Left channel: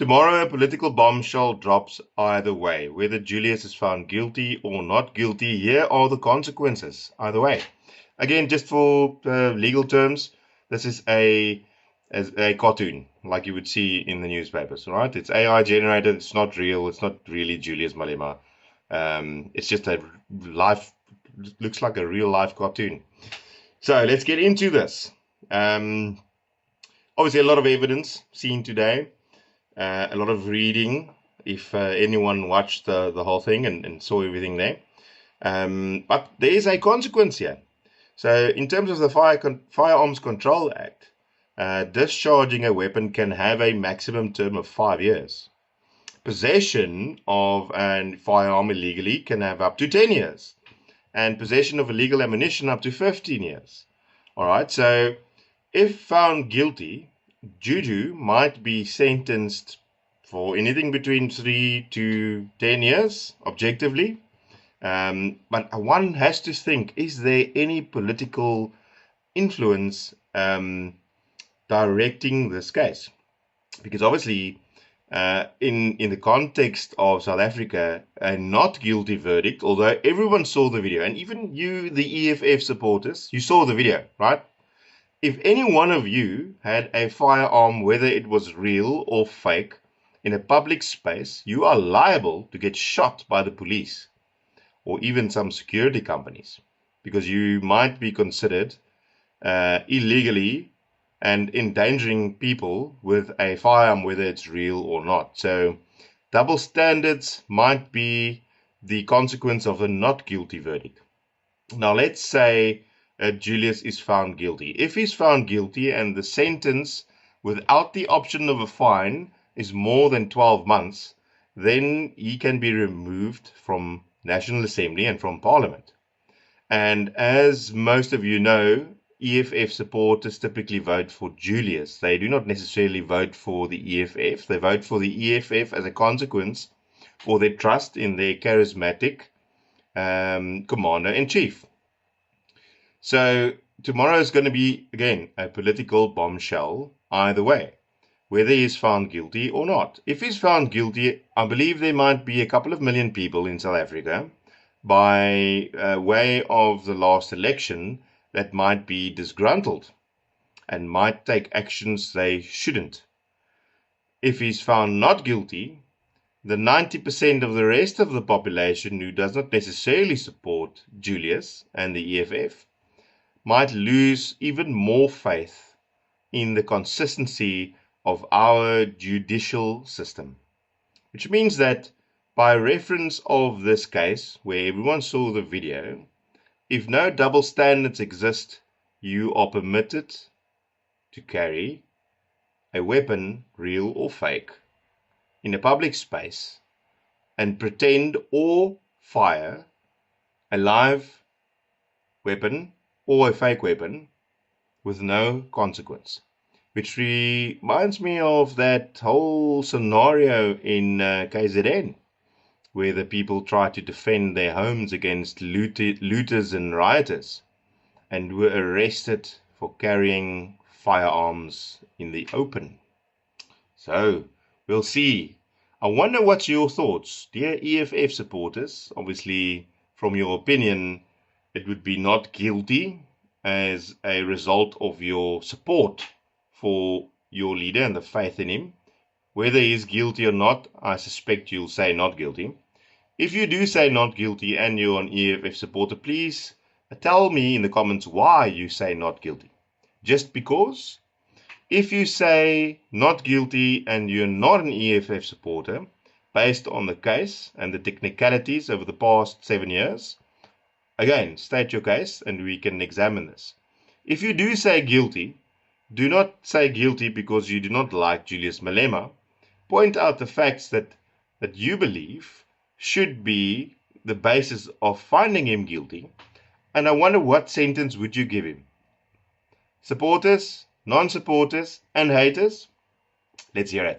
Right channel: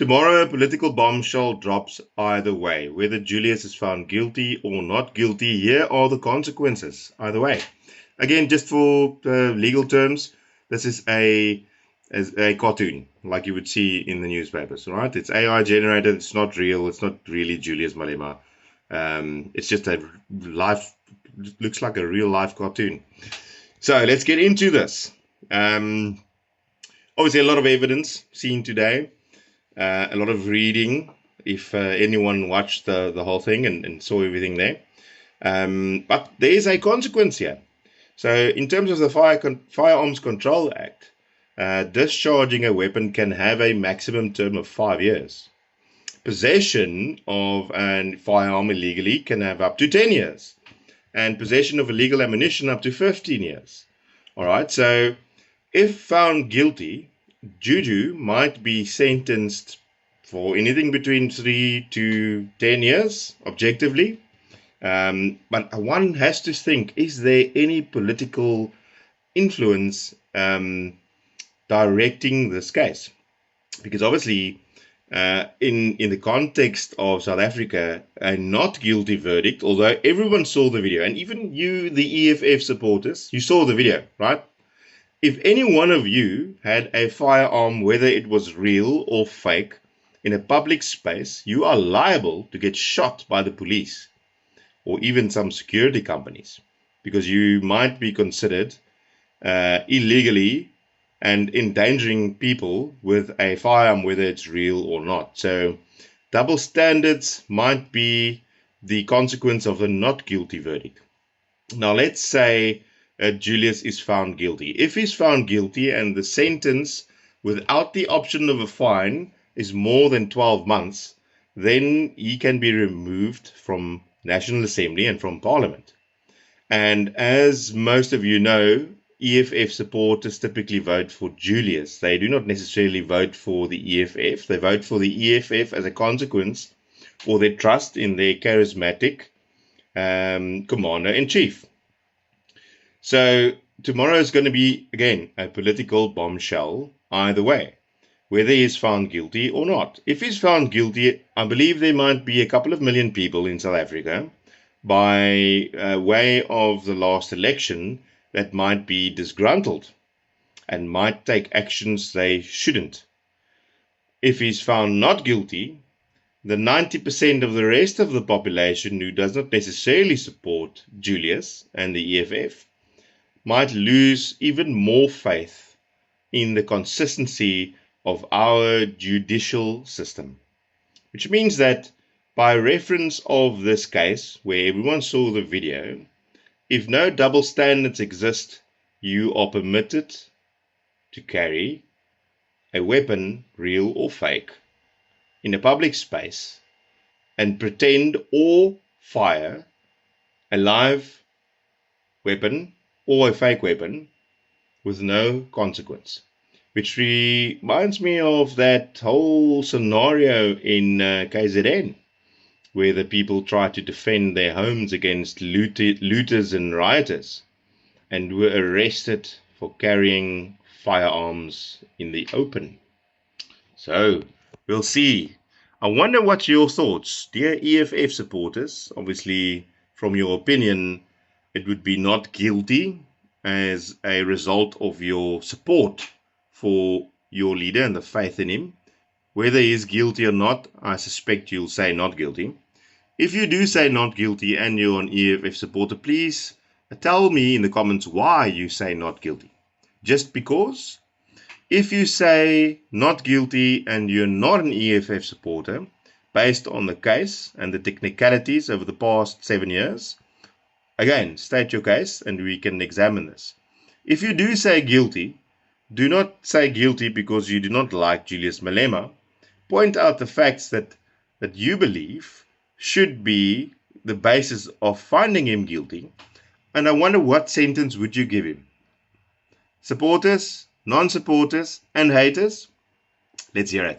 Tomorrow, a political bombshell drops either way. Whether Julius is found guilty or not guilty, here are the consequences either way. Again, just for legal terms, this is as a cartoon, like you would see in the newspapers, right? It's AI generated. It's not real. It's not really Julius Malema. It's just a life, looks like a real life cartoon. So let's get into this. Obviously, a lot of evidence seen today, a lot of reading. If anyone watched the whole thing and saw everything there, but there is a consequence here. So, in terms of the Firearms Control Act, discharging a weapon can have a maximum term of 5 years. Possession of a firearm illegally can have up to 10 years. And possession of illegal ammunition up to 15 years. All right, so if found guilty, Juju might be sentenced for anything between 3 to 10 years, objectively. But one has to think, is there any political influence directing this case? Because obviously, in the context of South Africa, a not guilty verdict, although everyone saw the video, and even you, the EFF supporters, you saw the video, right? If any one of you had a firearm, whether it was real or fake, in a public space, you are liable to get shot by the police or even some security companies, because you might be considered illegally and endangering people with a firearm, whether it's real or not. So double standards might be the consequence of a not guilty verdict. Now, let's say Julius is found guilty. If he's found guilty and the sentence without the option of a fine is more than 12 months, then he can be removed from National Assembly and from Parliament. And as most of you know, EFF supporters typically vote for Julius. They do not necessarily vote for the EFF. They vote for the EFF as a consequence for their trust in their charismatic commander-in-chief. So tomorrow is going to be, again, a political bombshell either way, whether he is found guilty or not. If he's found guilty, I believe there might be a couple of million people in South Africa, by way of the last election, that might be disgruntled and might take actions they shouldn't. If he's found not guilty, the 90% of the rest of the population who does not necessarily support Julius and the EFF might lose even more faith in the consistency of our judicial system. Which means that by reference of this case, where everyone saw the video, if no double standards exist, you are permitted to carry a weapon, real or fake, in a public space and pretend or fire a live weapon or a fake weapon with no consequence. Which reminds me of that whole scenario in KZN, where the people tried to defend their homes against looters and rioters and were arrested for carrying firearms in the open. So, we'll see. I wonder what's your thoughts, dear EFF supporters. Obviously, from your opinion, it would be not guilty as a result of your support for your leader and the faith in him. Whether he is guilty or not, I suspect you'll say not guilty. If you do say not guilty and you're an EFF supporter, please tell me in the comments why you say not guilty. Just because? If you say not guilty and you're not an EFF supporter, based on the case and the technicalities over the past 7 years, again, state your case and we can examine this. If you do say guilty, do not say guilty because you do not like Julius Malema. Point out the facts that you believe should be the basis of finding him guilty. And I wonder, what sentence would you give him? Supporters, non-supporters, and haters? Let's hear it.